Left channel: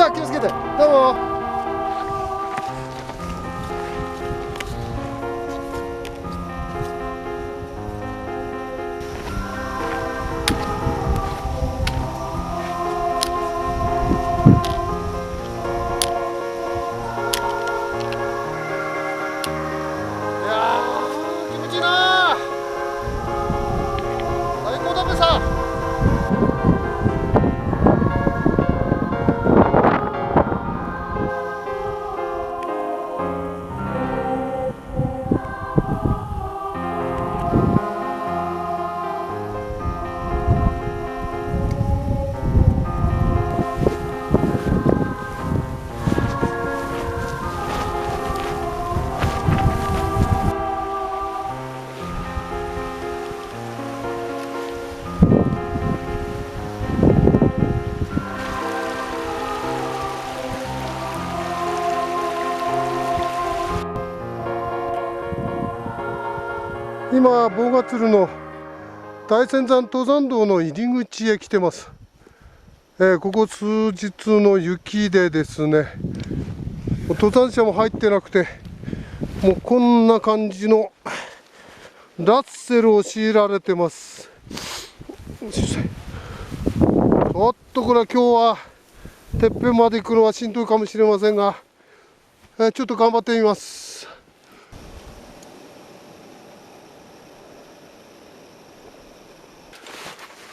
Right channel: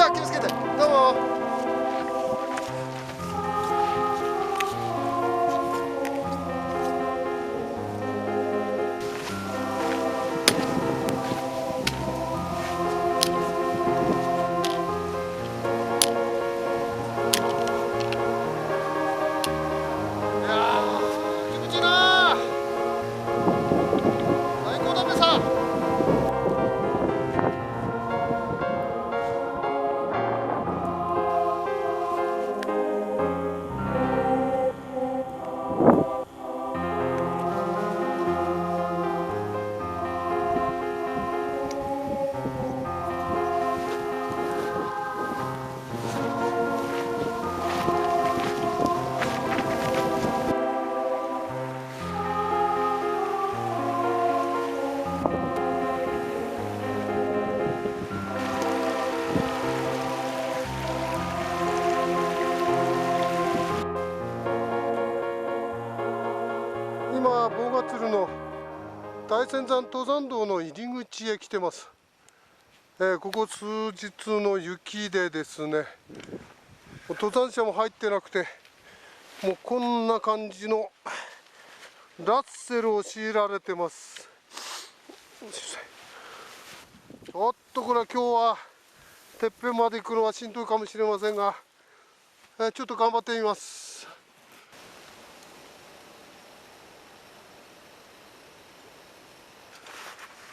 では気をつけて。どうも。今、棒ヶ鶴の大仙山登山道の入り口へ来てます。ここ数日の雪でですね、登山者も入ってなくて、もうこんな感じのラッセルを強いられてます。ちょっとこれは今日はてっぺんまで行くのはしんどいかもしれませんが、ちょっと頑張ってみます。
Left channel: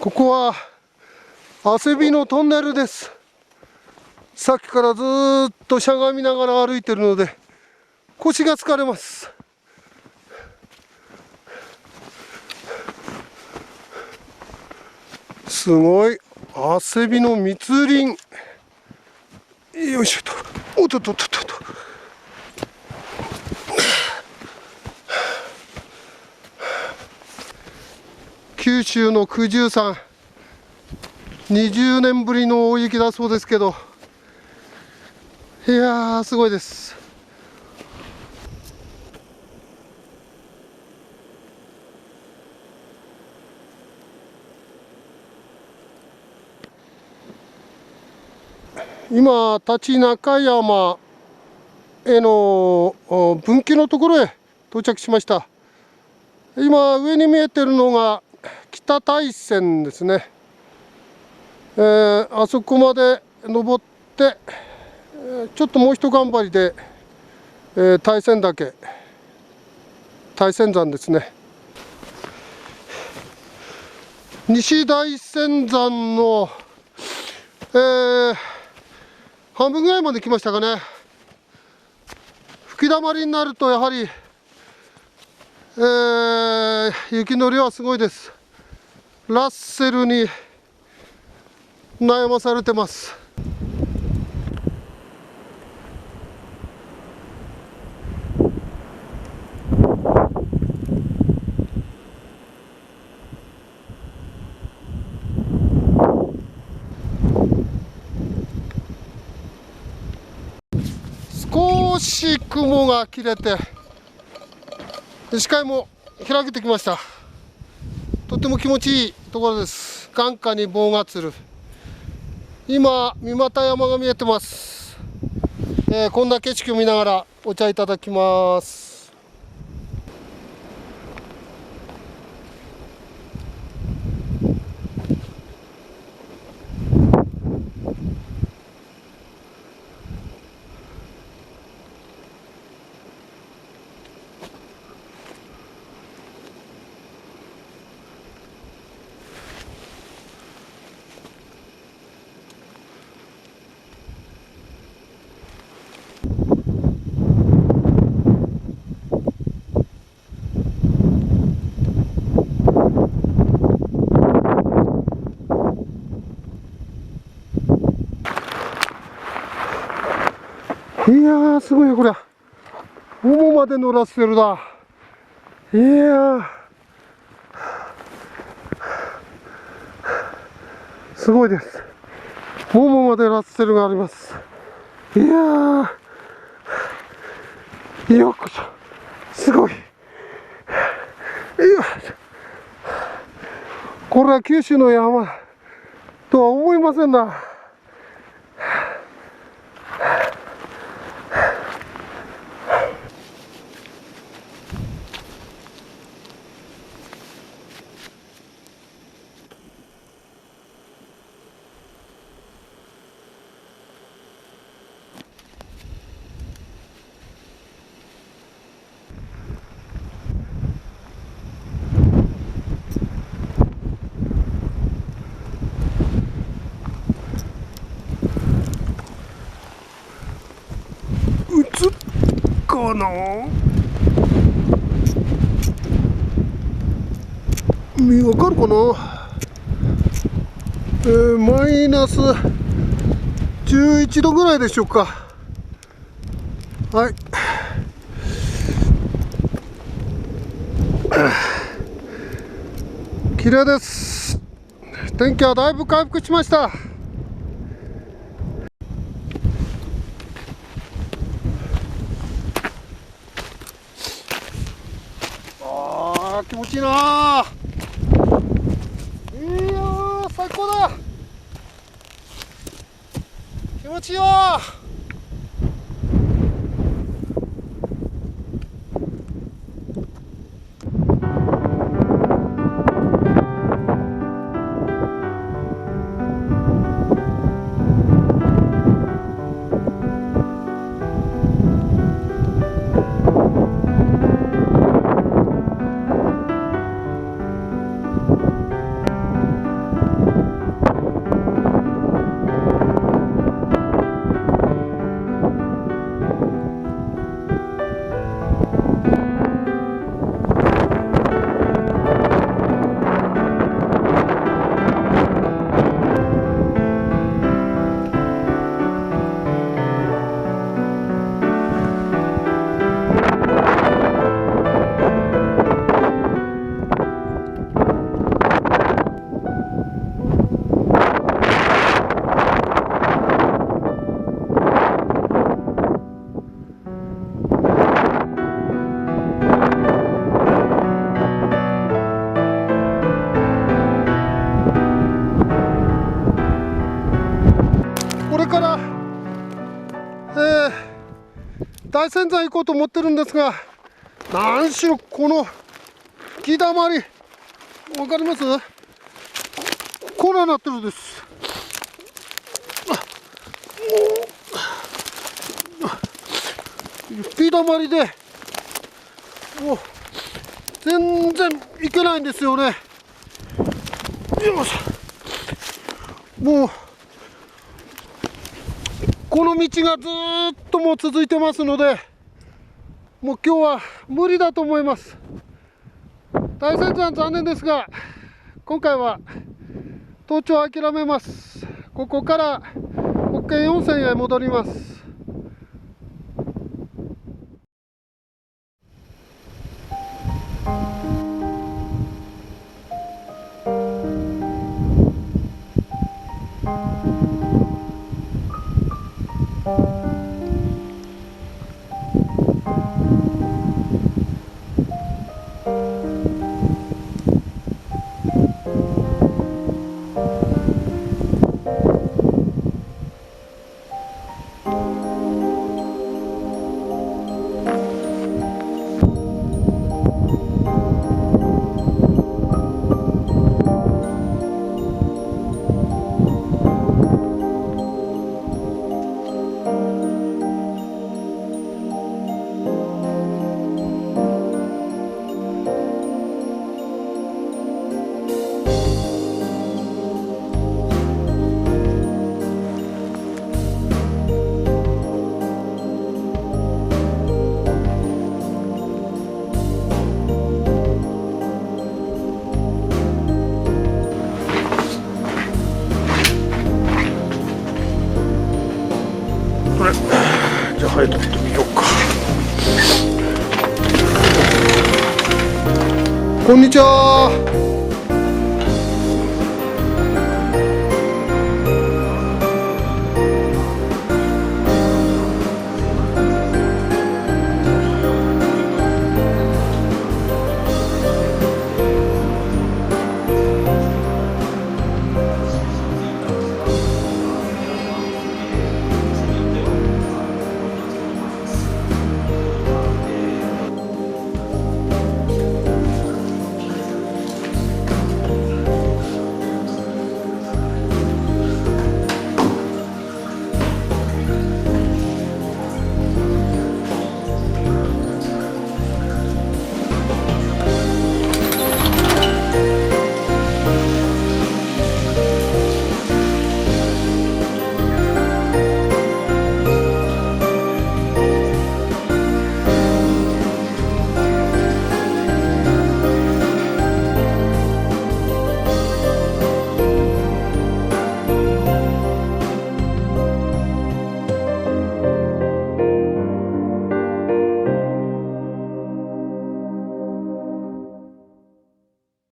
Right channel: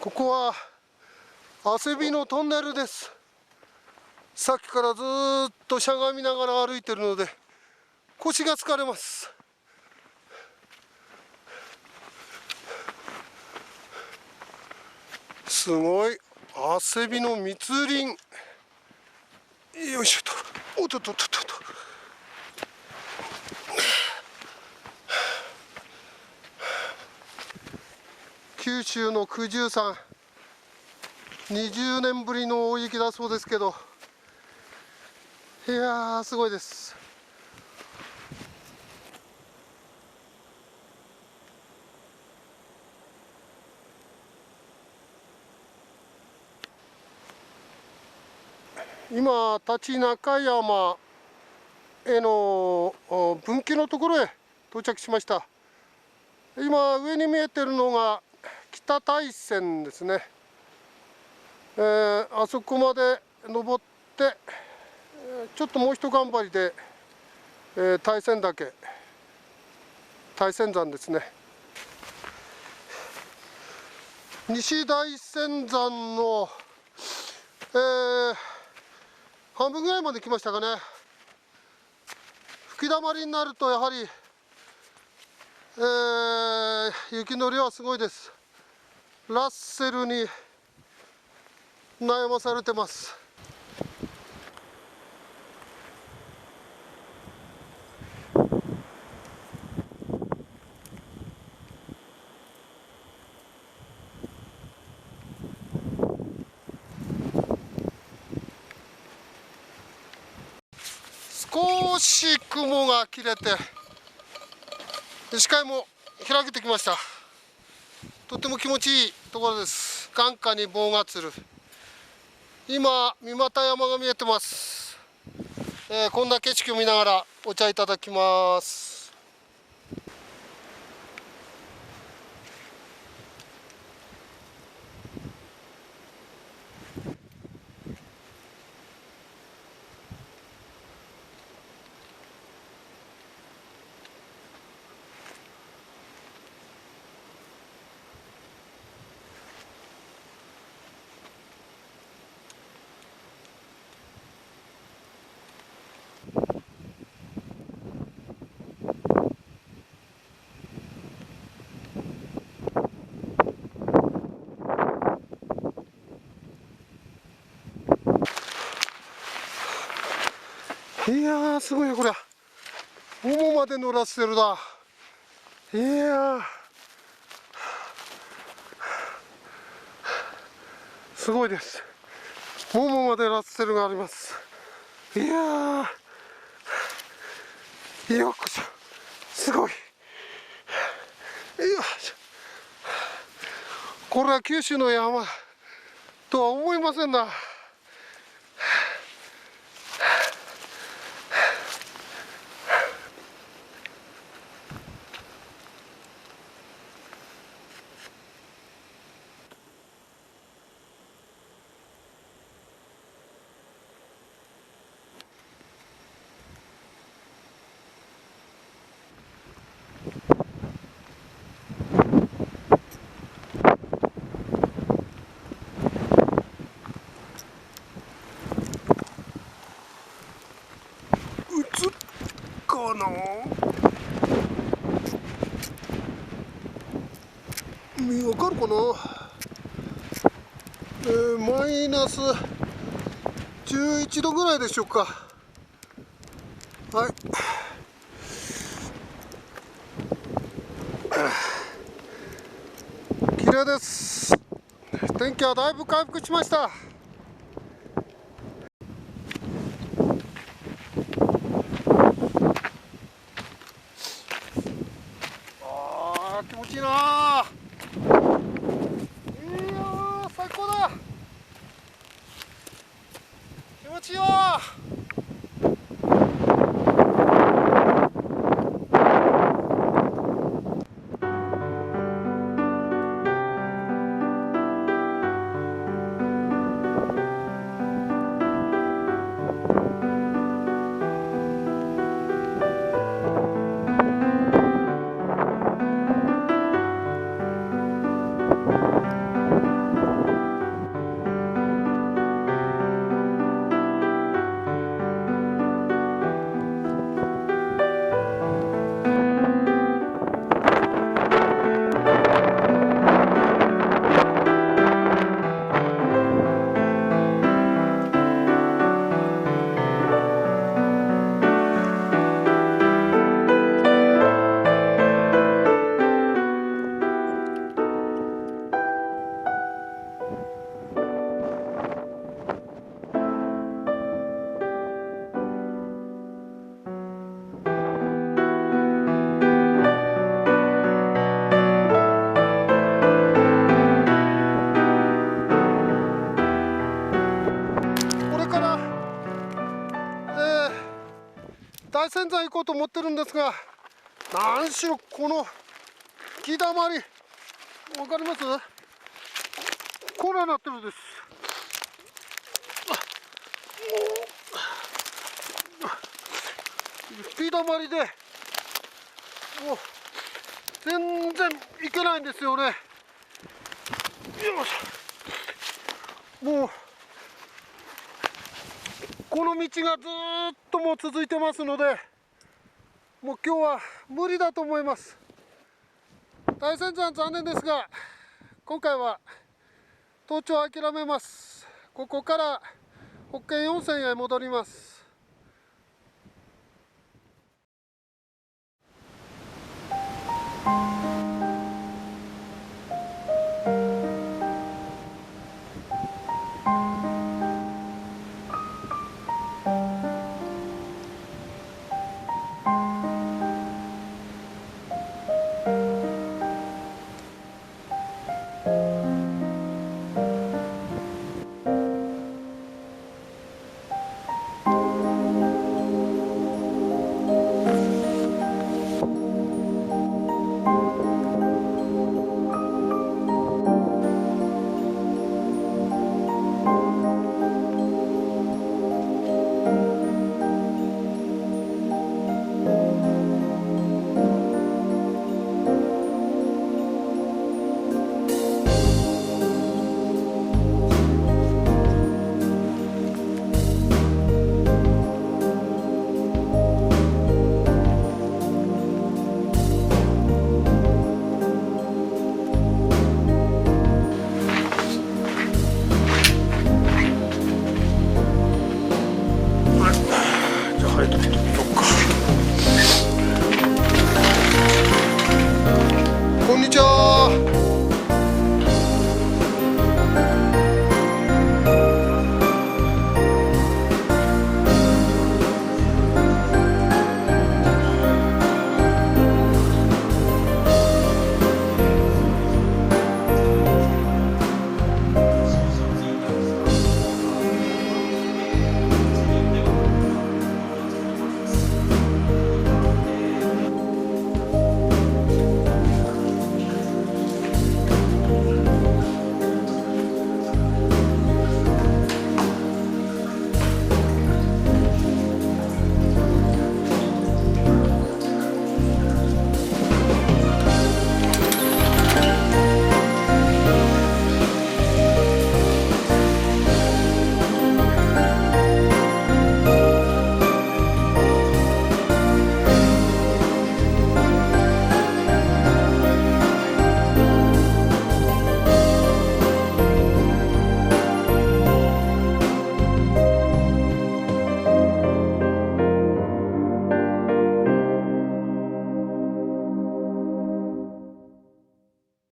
ここは汗びのトンネルです。さっきからずっとしゃがみながら歩いてるので腰が疲れます。すごい汗びの密林。よいしょと。おっとっとっとっと。九州の九十山、20年ぶりの大雪だそうですけど、いやーすごいです。今、立中山への分岐のところへ到着しました。今上に見えてるのが北大山ですね。あそこまで登ってちょっともう一頑張りで、大仙岳、大仙山ですね。西大仙山の、半分ぐらいまで来ましたかね。吹きだまりになるとやはり、雪の量はすごいです。ラッセルに悩まされてます。少し雲が切れて視界も開けてきました。とても気持ちいいところです。眼下に棒ヶ鶴、今三股山が見えてます。こんな景色を見ながらお茶いただきます。いやーすごいよこれ。ももまで乗らせてるだ。いやーすごいです。ももまでラッセルがあります。いやーようこそ、すごい。これは九州の山とは思いませんな。このわかるかな、マイナス11度ぐらいでしょうか。はい、綺麗です。天気はだいぶ回復しました。気持ちいいな。いやー、最高だ。気持ちいいわ。これから、大仙山行こうと思ってるんですが、何しろこの吹きだまり、わかります？こうなってるんです。吹きだまりで、もう全然行けないんですよね。よいしょ。もうこの道がずっともう続いてますので、もう今日は無理だと思います。大仙山残念ですが、今回は登頂を諦めます。ここから北見温泉へ戻ります。じゃあ入ってみようか。こんにちは。